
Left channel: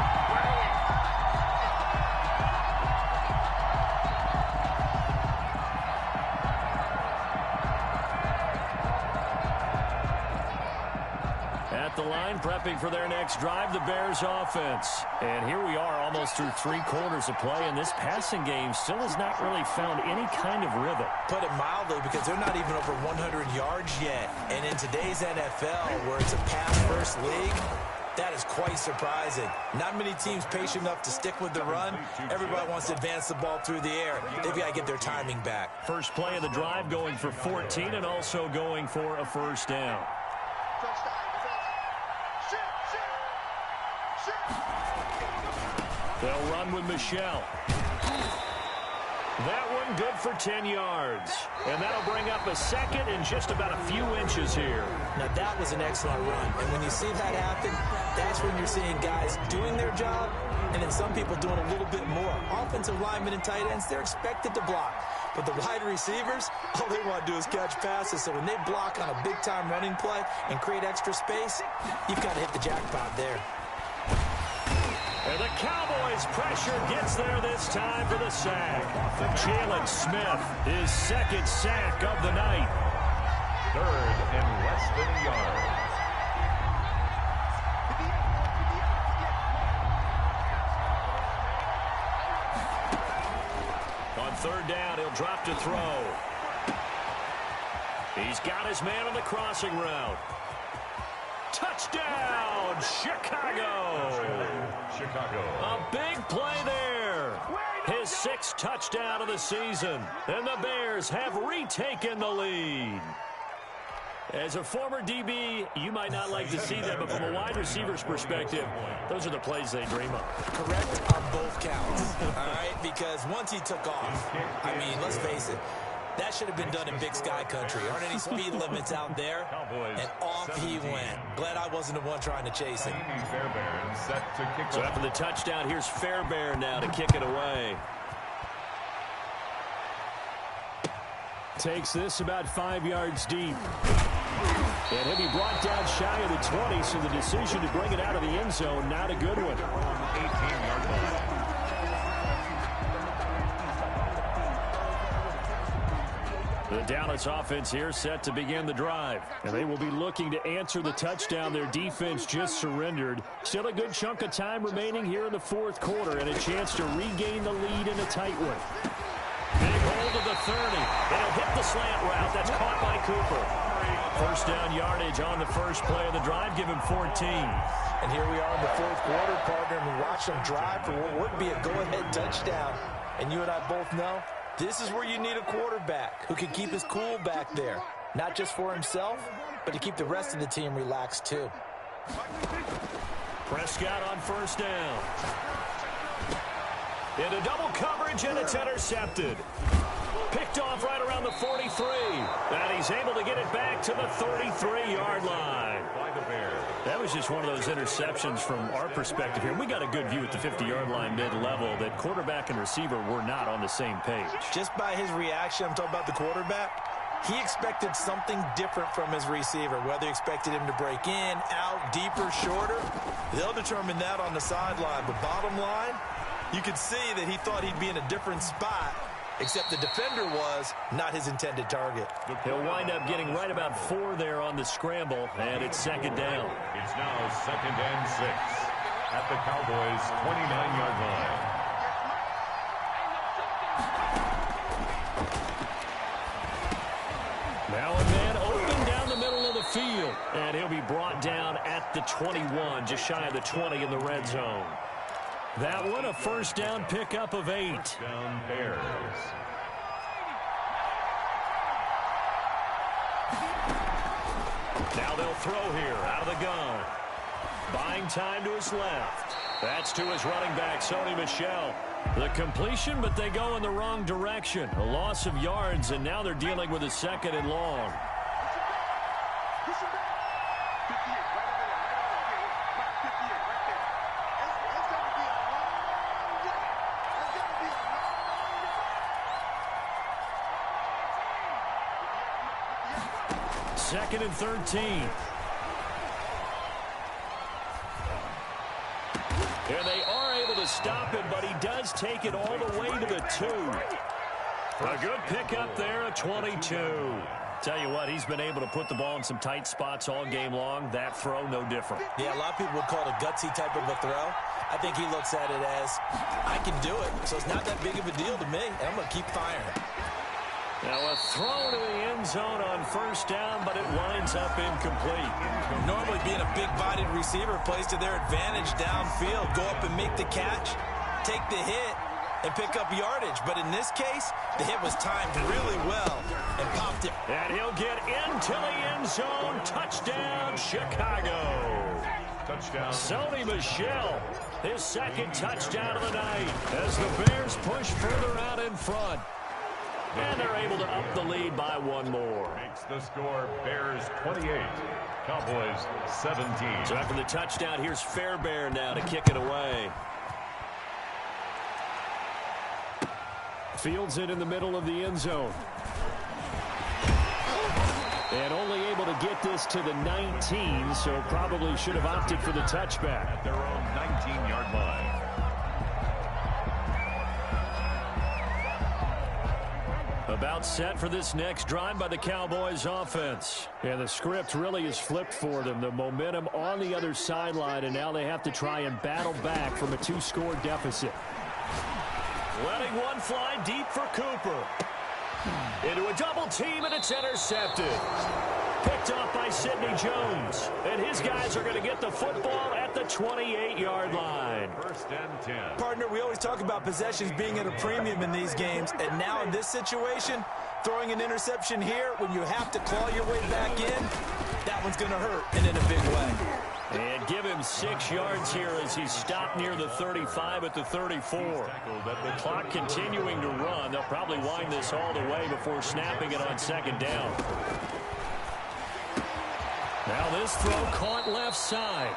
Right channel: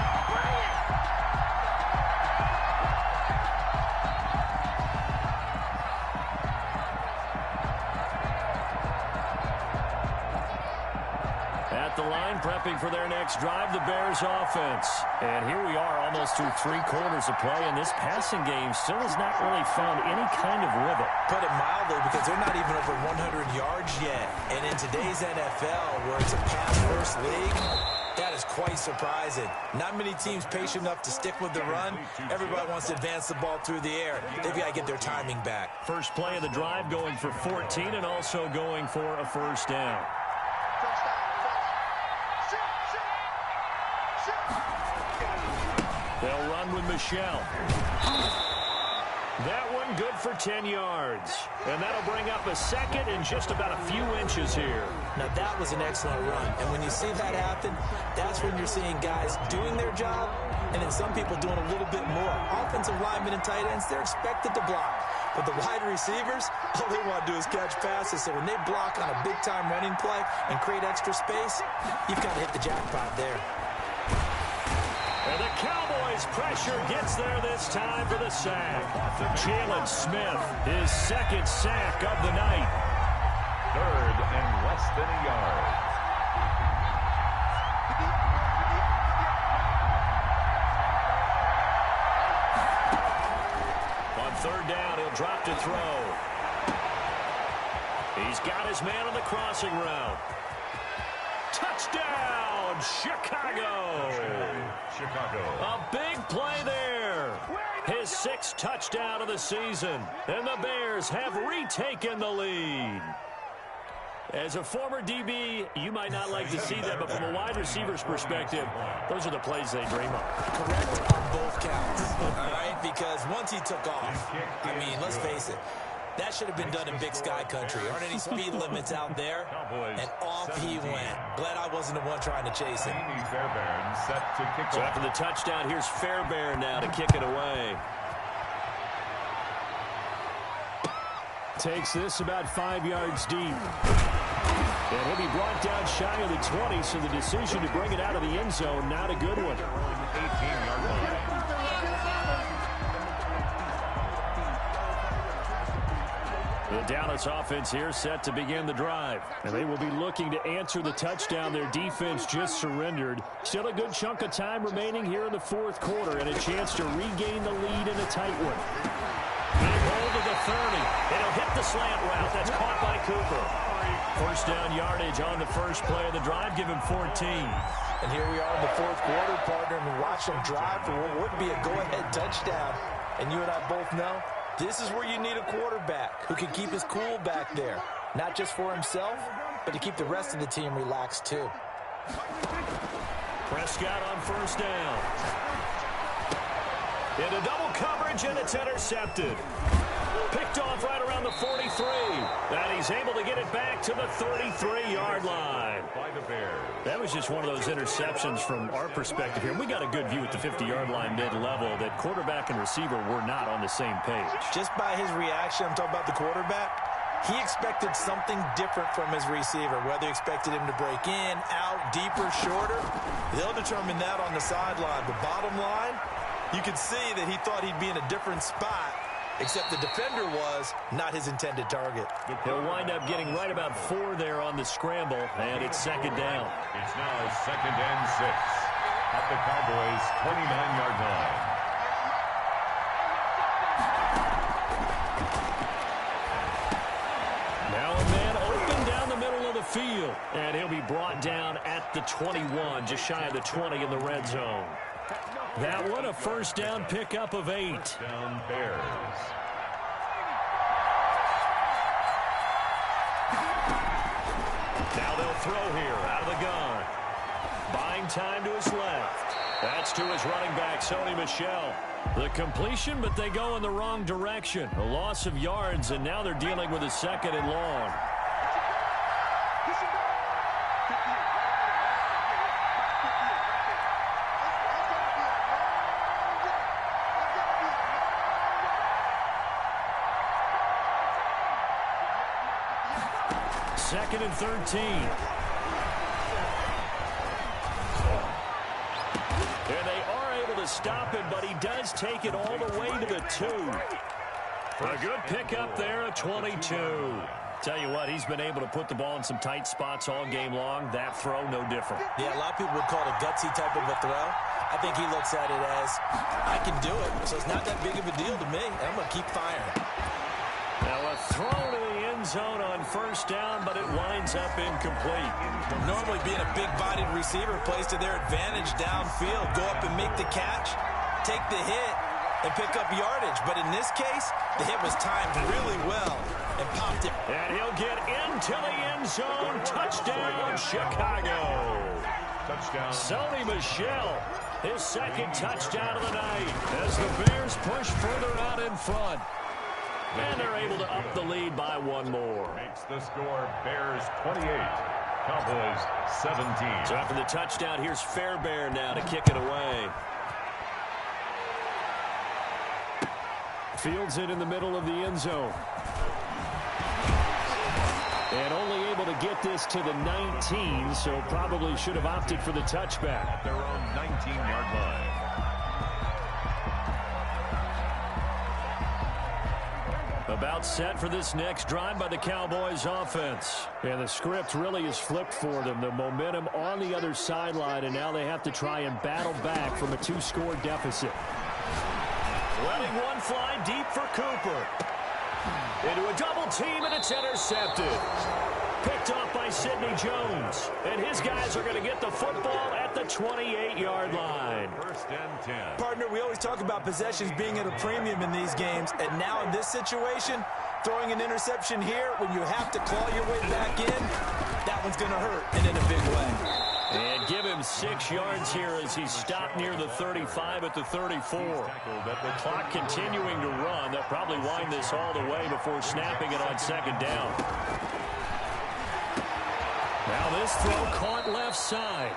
At the line, prepping for their next drive, the Bears offense. And here we are almost through 3 quarters of play, and this passing game still has not really found any kind of rhythm. Put it mildly, because they're not even over 100 yards yet. And in today's NFL, where it's a pass-first league, that is quite surprising. Not many teams patient enough to stick with the run. Everybody wants to advance the ball through the air. They've got to get their timing back. First play of the drive going for 14 and also going for a first down. They'll run with Michelle. That one good for 10 yards. And that'll bring up a second and just about a few inches here. Now, that was an excellent run. And when you see that happen, that's when you're seeing guys doing their job and then some people doing a little bit more. Offensive linemen and tight ends, they're expected to block. But the wide receivers, all they want to do is catch passes. So when they block on a big-time running play and create extra space, you've got to hit the jackpot there. And the Cowboys' pressure gets there this time for the sack. Jalen Smith, his 2nd sack of the night. 3rd and less than a yard. On 3rd down, he'll drop to throw. He's got his man on the crossing route. Touchdown, Chicago. Chicago. A big play there. His 6th touchdown of the season. And the Bears have retaken the lead. As a former DB, you might not like to see that, but from a wide receiver's perspective, those are the plays they dream of. Correct on both counts, all right? Because once he took off, I mean, let's face it, that should have been done in Big Sky country. Aren't any speed limits out there? And off he went. Glad I wasn't the one trying to chase him. Fairbairn set to kick So off. after the touchdown, here's Fairbairn now to kick it away. Takes this about 5 yards deep. And he'll be brought down shy of the 20, so the decision to bring it out of the end zone, not a good one. 18-yard line. The Dallas offense here set to begin the drive. And they will be looking to answer the touchdown their defense just surrendered. Still a good chunk of time remaining here in the 4th quarter and a chance to regain the lead in a tight one. Big hold of the 30. It'll hit the slant route. That's caught by Cooper. First down yardage on the first play of the drive. Give him 14. And here we are in the 4th quarter, partner, and we watch them drive for what would be a go-ahead touchdown. And you and I both know this is where you need a quarterback who can keep his cool back there. Not just for himself, but to keep the rest of the team relaxed too. Prescott on first down. Into double coverage, and it's intercepted. Picked off right around the 43. And he's able to get it back to the 33-yard line. By the Bears. That was just one of those interceptions from our perspective here. We got a good view at the 50-yard line mid-level that quarterback and receiver were not on the same page. Just by his reaction, I'm talking about the quarterback, he expected something different from his receiver. Whether he expected him to break in, out, deeper, shorter, they'll determine that on the sideline. But bottom line, you could see that he thought he'd be in a different spot, except the defender was not his intended target. He'll wind up getting right about 4 there on the scramble, and it's 2nd down. It's now 2nd and 6 at the Cowboys' 29-yard line. Now a man open down the middle of the field, and he'll be brought down at the 21, just shy of the 20 in the red zone. That one, a first down pickup of 8. Down Bears. Now they'll throw here out of the gun. Buying time to his left. That's to his running back, Sony Michel. The completion, but they go in the wrong direction. A loss of yards, and now they're dealing with a 2nd and long. Second and 13. And they are able to stop him, but he does take it all the way to the 2. A good pickup there, a 22. Tell you what, he's been able to put the ball in some tight spots all game long. That throw, no different. Yeah, a lot of people would call it a gutsy type of a throw. I think he looks at it as, I can do it, so it's not that big of a deal to me, and I'm going to keep firing. Now a throw to the end zone on first down, but it winds up incomplete. Normally being a big-bodied receiver plays to their advantage downfield. Go up and make the catch, take the hit, and pick up yardage. But in this case, the hit was timed really well and popped it. And he'll get into the end zone. Touchdown, Chicago. Touchdown. Sony Michel, his 2nd touchdown of the night as the Bears push further out in front. And they're able to up the lead by 1 more. Makes the score Bears 28, Cowboys 17. So after the touchdown, here's Fairbairn now to kick it away. Fields it in the middle of the end zone. And only able to get this to the 19, so probably should have opted for the touchback. At their own 19-yard line. About set for this next drive by the Cowboys offense. And the script really is flipped for them. The momentum on the other sideline, and now they have to try and battle back from a 2-score deficit. Letting one fly deep for Cooper. Into a double team, and it's intercepted. Picked off by Sidney Jones. And his guys are going to get the football at the 28-yard line. First and 10. Partner, we always talk about possessions being at a premium in these games, and now in this situation, throwing an interception here when you have to claw your way back in, that one's going to hurt, and in a big way. And give him 6 yards here as he stopped near the 35 at the 34. The clock continuing to run. They'll probably wind this all the way before snapping it on second down. Now this throw caught left side.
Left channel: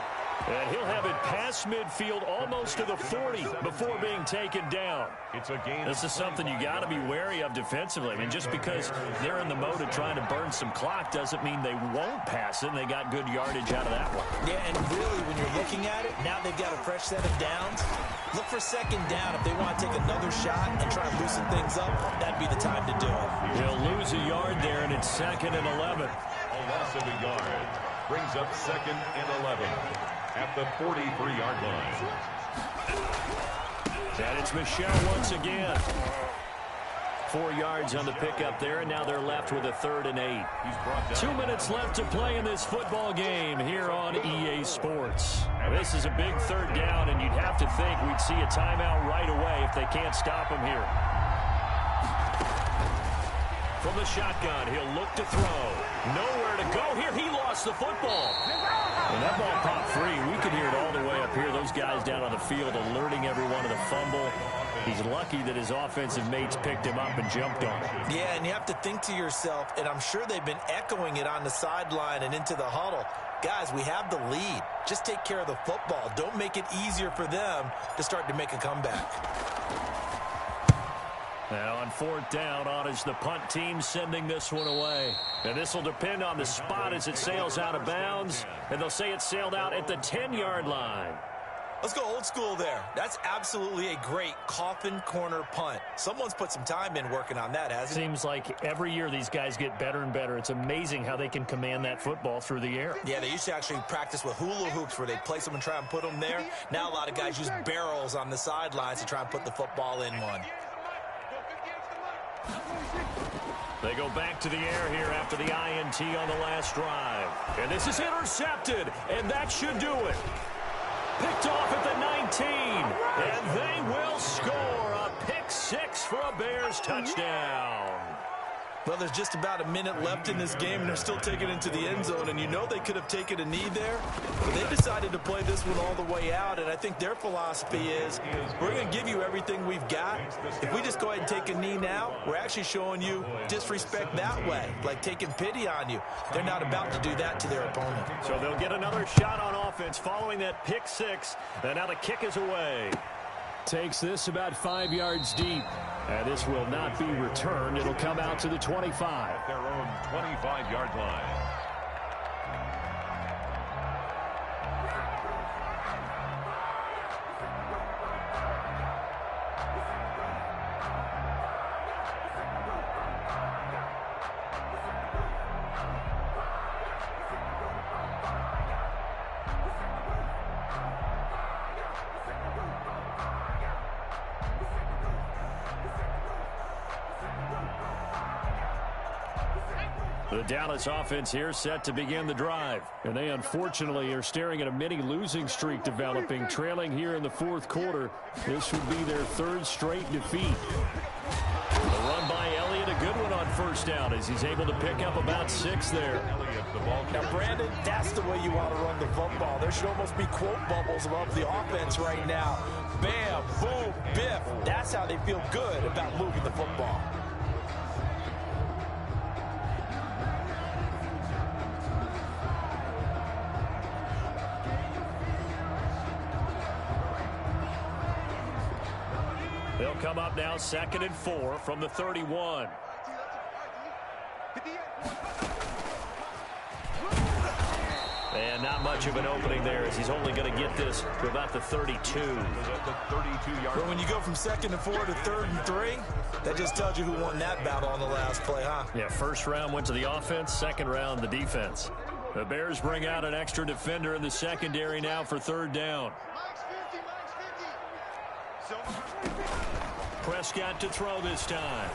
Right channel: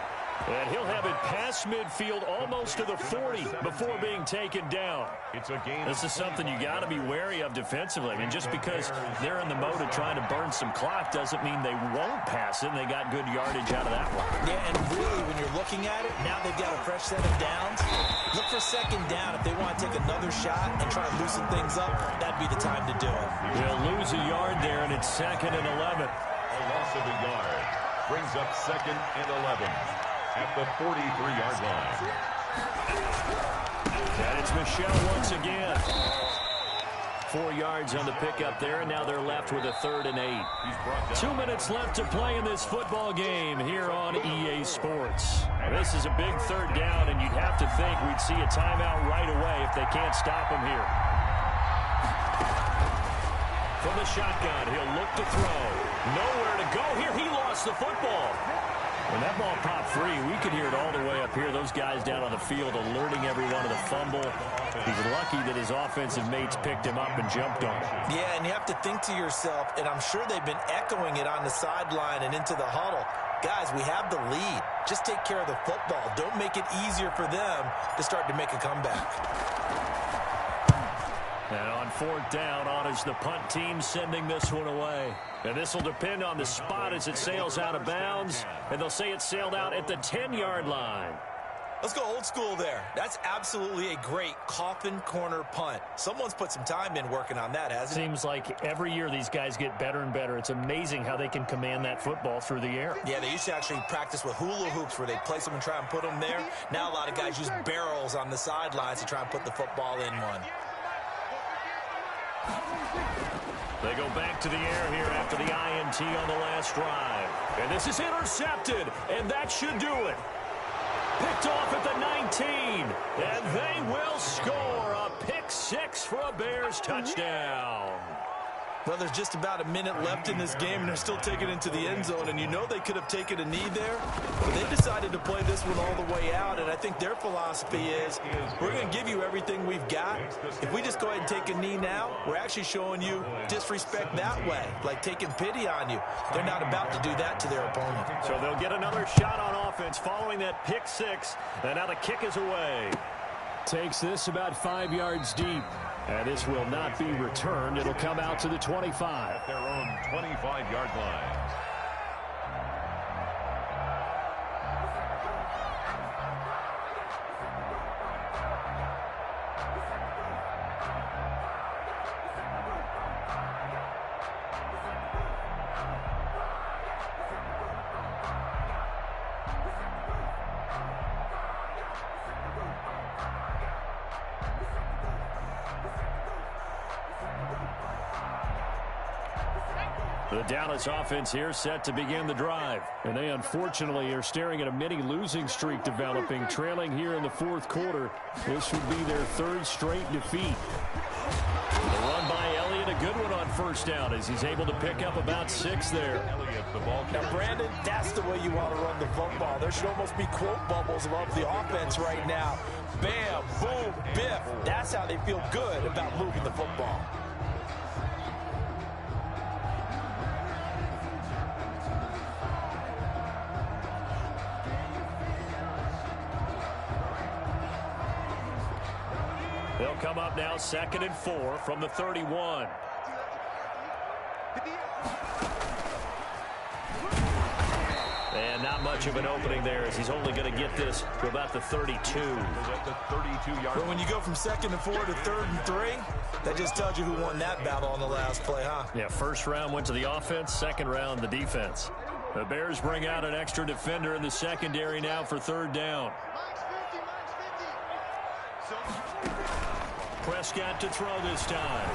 And he'll have it past midfield almost to the 40 before being taken down. It's a gain. This is something you got to be wary of defensively. I mean, just because they're in the mode of trying to burn some clock doesn't mean they won't pass it. And they got good yardage out of that one. Yeah, and really, when you're looking at it, now they've got a fresh set of downs. Look for second down if they want to take another shot and try to loosen things up. That'd be the time to do it. He'll lose a yard there, and it's 2nd and 11. A loss of a yard brings up 2nd and 11 at the 43-yard line. And it's Michel once again. 4 yards on the pickup there, and now they're left with a 3rd and 8. 2 minutes left to play in this football game here on EA Sports. Now, this is a big 3rd down, and you'd have to think we'd see a timeout right away if they can't stop him here. From the shotgun, he'll look to throw. Nowhere to go here. He lost the football. When that ball popped free, we could hear it all the way up here. Those guys down on the field alerting everyone of the fumble. He's lucky that his offensive mates picked him up and jumped on it. Yeah, and you have to think to yourself, and I'm sure they've been echoing it on the sideline and into the huddle. Guys, we have the lead. Just take care of the football. Don't make it easier for them to start to make a comeback. And on 4th down, on is the punt team sending this one away. And this will depend on the spot as it sails out of bounds. And they'll say it sailed out at the 10-yard line. Let's go old school there. That's absolutely a great coffin corner punt. Someone's put some time in working on that, hasn't it? Seems like every year these guys get better and better. It's amazing how they can command that football through the air. Yeah, they used to actually practice with hula hoops where they place them and try and put them there. Now a lot of guys use barrels on the sidelines to try and put the football in one. They go back to the air here after the INT on the last drive. And this is intercepted, and that should do it. Picked off at the 19, and they will score a pick 6 for a Bears touchdown. Well, there's just about a minute left in this game, and they're still taking it into the end zone. And you know they could have taken a knee there, but they decided to play this one all the way out. And I think their philosophy is, we're going to give you everything we've got. If we just go ahead and take a knee now, we're actually showing you disrespect that way, like taking pity on you. They're not about to do that to their opponent. So they'll get another shot on offense following that pick 6. And now the kick is away. Takes this about 5 yards deep. And this will not be returned. It'll come out to the 25. At their own 25-yard line. The Dallas offense here set to begin the drive. And they unfortunately are staring at a mini losing streak developing, trailing here in the 4th quarter. This would be their 3rd straight defeat. The run by Elliott, a good one on 1st down as he's able to pick up about 6 there. Now, Brandon, that's the way you want to run the football. There should almost be quote bubbles above the offense right now. Bam, boom, biff. That's how they feel good about moving the football. They'll come up now 2nd and 4 from the 31. And not much of an opening there as he's only going to get this to about the 32. But when you go from 2nd and 4 to 3rd and 3, that just tells you who won that battle on the last play, huh? Yeah, 1st round went to the offense, 2nd round the defense. The Bears bring out an extra defender in the secondary now for 3rd down. Prescott to throw this time.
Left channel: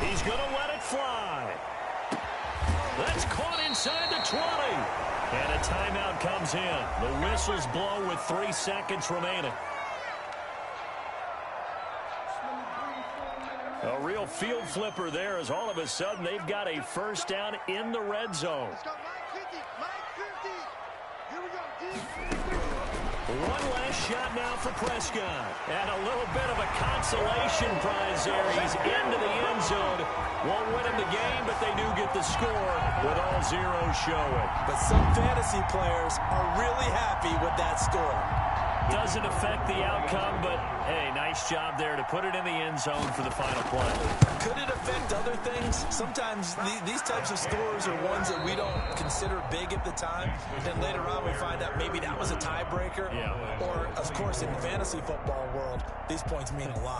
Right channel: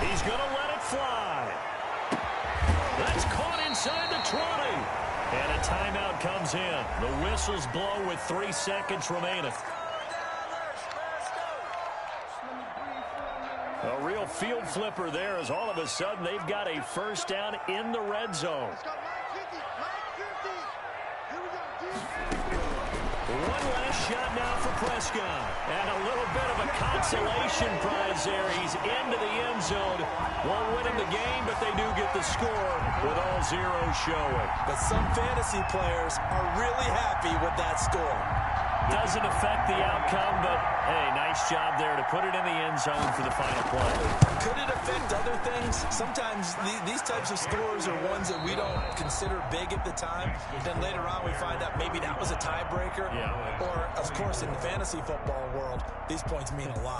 He's going to let it fly. That's caught inside the 20. And a timeout comes in. The whistles blow with 3 seconds remaining. A real field flipper there as all of a sudden they've got a first down in the red zone. Let's go, Mike 50, Mike 50. Here we go, deep. One last shot now for Prescott. And a little bit of a consolation prize there. He's into the end zone. Won't win him the game, but they do get the score with all zeros showing. But some fantasy players are really happy with that score. Doesn't affect the outcome, but, hey, nice job there to put it in the end zone for the final play. Could it affect other things? Sometimes these types of scores are ones that we don't consider big at the time. Then later on we find out maybe that was a tiebreaker. Yeah. Or, of course, in the fantasy football world, these points mean a lot.